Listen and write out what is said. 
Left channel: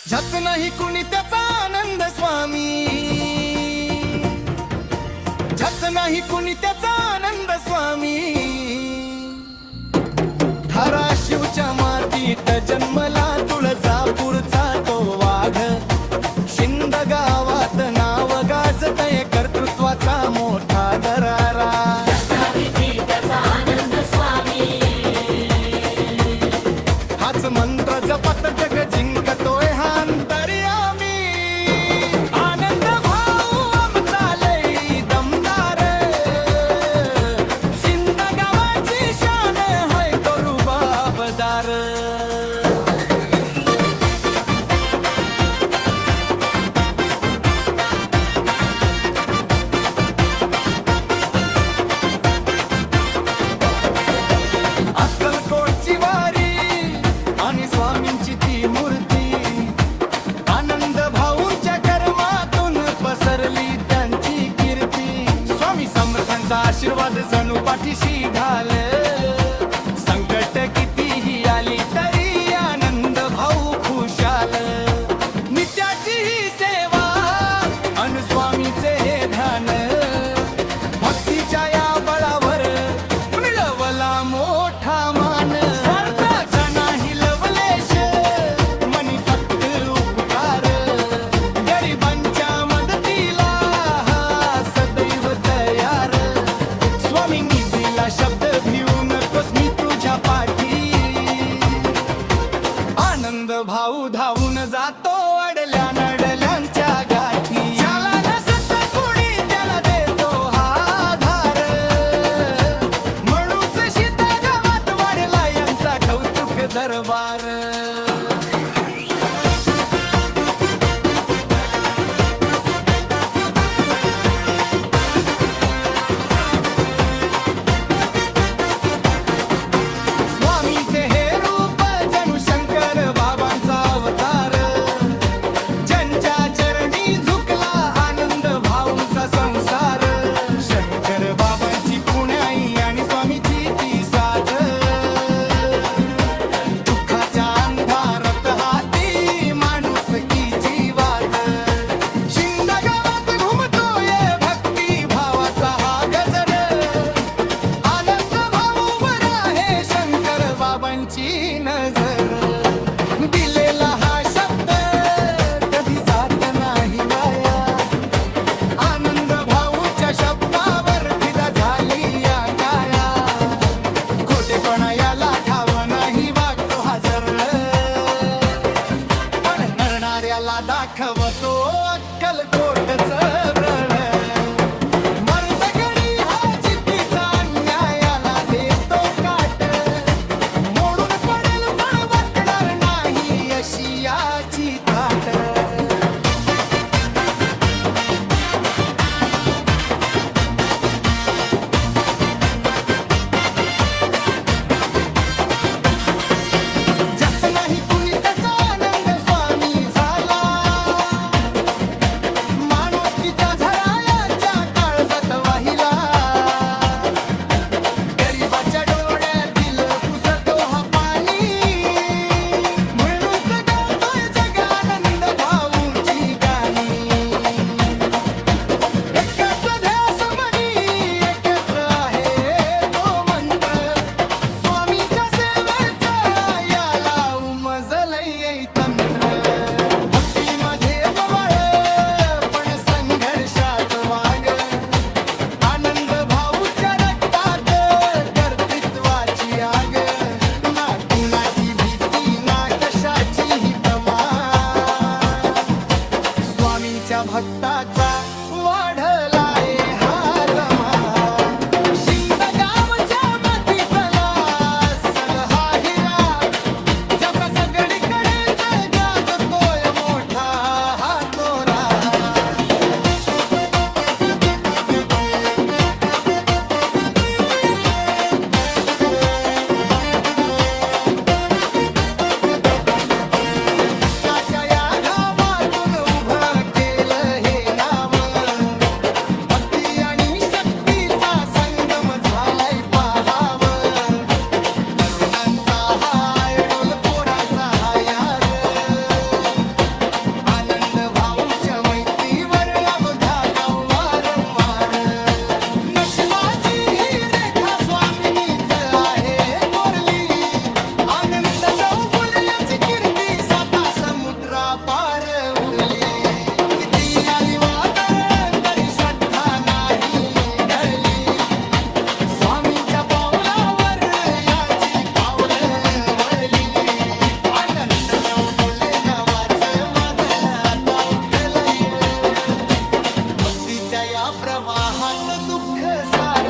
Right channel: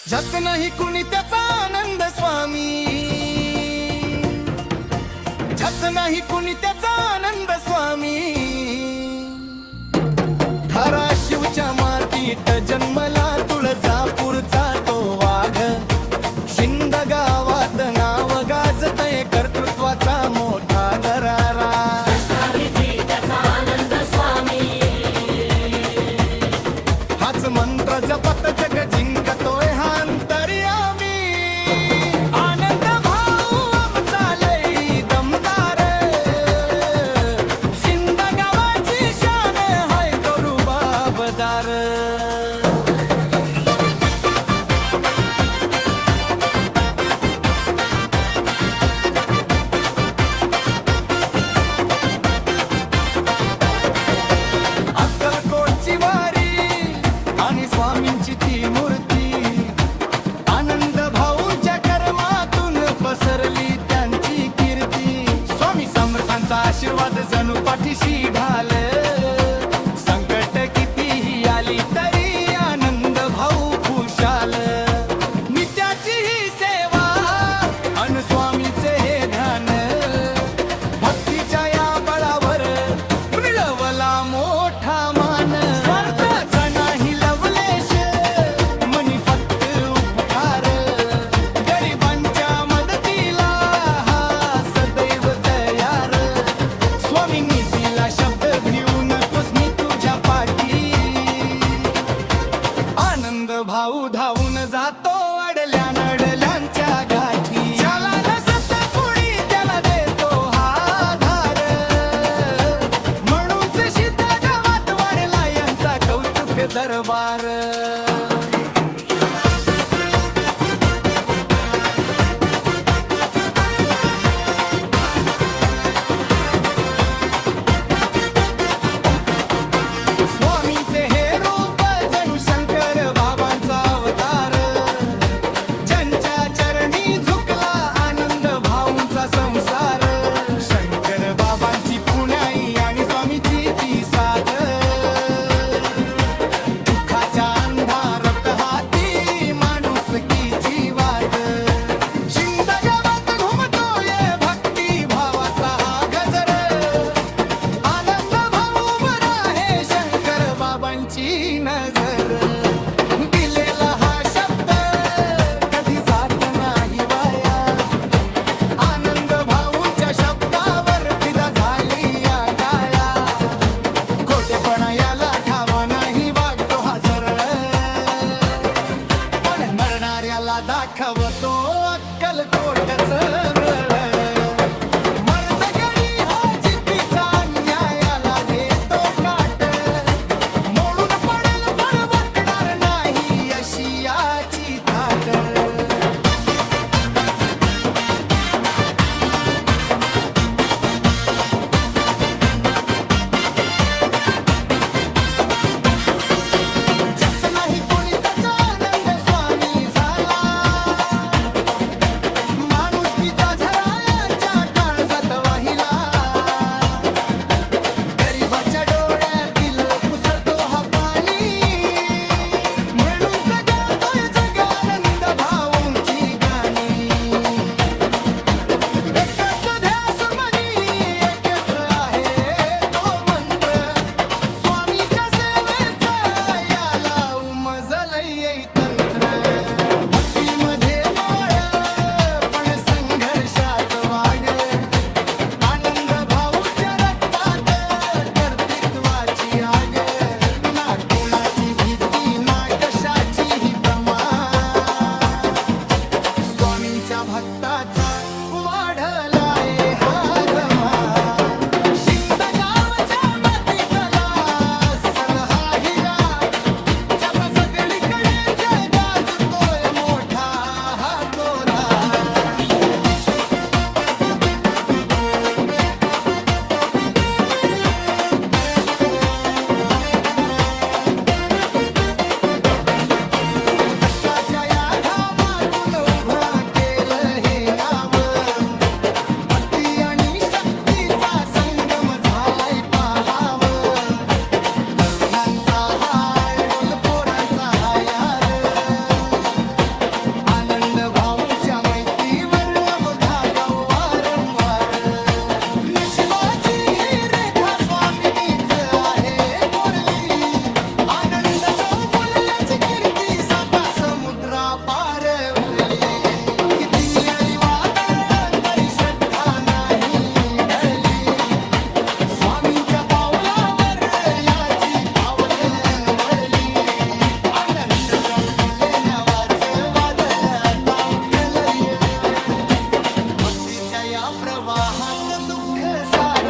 ज्याच नाही कुणी त्याचा आनंद स्वामी, ज्याच नाही कुणी त्याचा आनंद स्वामी। धाराशिवच्या मातीत जन्मला तुळजापूरचा तो वाघ, शिंद गावात नाव गाजतय कर्तृत्वाचा मोठा दरारा। हाच मंत्र जपत जग जिंकतोय हा अंतर्यामी। आनंद भाऊ आमचा लई दमदार, शिंद गावाची शान हाय तो रुबाबदार। अक्कलकोटची वारी आणि स्वामींची ती मूर्ती, आनंद भाऊंच्या कर्मातून पसरली त्यांची कीर्ती। स्वामी समर्थांचा आशीर्वाद जणू पाठीशी ढाल, संकट कितीही आली तरी आनंद भाऊ खुशाल। नित्याची ही सेवा अन स्वामीचे हे ध्यान, भक्तीच्या या बळावर मिळवला मोठा मान। स्वार्थाचा नाही लवलेश मनी फक्त उपकार, गरिबांच्या मदतीला हा सदैव तयार। स्वामींनी दिला शब्द भिवू नकोस मी तुझ्या पाठी, आनंद भाऊ धावून जातो अडल्या नडल्यांच्या गाठी। ज्याला नसत कुणी त्याला देतो हा धार, म्हणूनच शीता गावात वाढला यांचा कौतुक दरबार। स्वामींचे हे रूप जणू शंकर बाबांचा अवतार, ज्यांच्या चरणी झुकला आनंद भाऊंचा संसार। शंकर बाबांची पुण्याई आणि स्वामीची ती साथ, दुःखाच्या अंधारात हाती माणुसकीची वाट। शिंद गावात घुमतोय भक्ती भावाचा हा गजर, आनंद भाऊ बरा हे शंकर बाबांची नजर। दिलेला हा शब्द कधी जात नाही वाया, आनंद भाऊंच्या शब्दावर फिदा झाली या काया। खोटेपणा याला ठाव नाही वागतो हा सरळ, पण मरणाऱ्याला दाखवतो अक्कलकोटच ब्रळ। मर्दगडी हा जिद्दीचा अन्यायाला देतो काट, मोडून पडेल पण वाकणार नाही अशी याची थाट। ज्याच नाही कुणी त्याचा आनंद स्वामी झाला, माणुसकीचा झरा याच्या काळजात वाहिला। गरिबाच्या डोळ्यातील पुसतो हा पाणी, म्हणूनच गातोय जग आनंद भाऊची गाणी। एकच ध्यास मनी एकच आहे तो मंत्र, स्वामीच्या सेवेचा याला उमजलय तंत्र। भक्तीमध्ये मवाळ पण संघर्षात वाग, आनंद भाऊच्या रक्तात कर्तृत्वाची आग। ना कुणाची भीती ना कशाची ही तमा, स्वामींच्या भक्ताचा वाढलाय हा जमा। शिंद गावच्या मातीतला असल हा हिरा, ज्याचा सगळीकडेच गाजतोय मोठा हा तोरा। कष्टाच्या या घामातून उभं केलं हे नाव, भक्ती नंद भाऊच्या मैत्रीवर अवघा गाव वारंवार नशिबाची ही रेखा स्वामिनीच आहे कोरली आनंद चौगुल याची कीर्ती साता समुद्रा पार उरली किती आली वादळ तरी श्रद्धा नाही ढळली स्वामींच्या पावलावर याची पावलं वळली आनंद चौगुले नवाच वादळ आता उठलय भक्तीच्या या प्रवाहात दुःख सार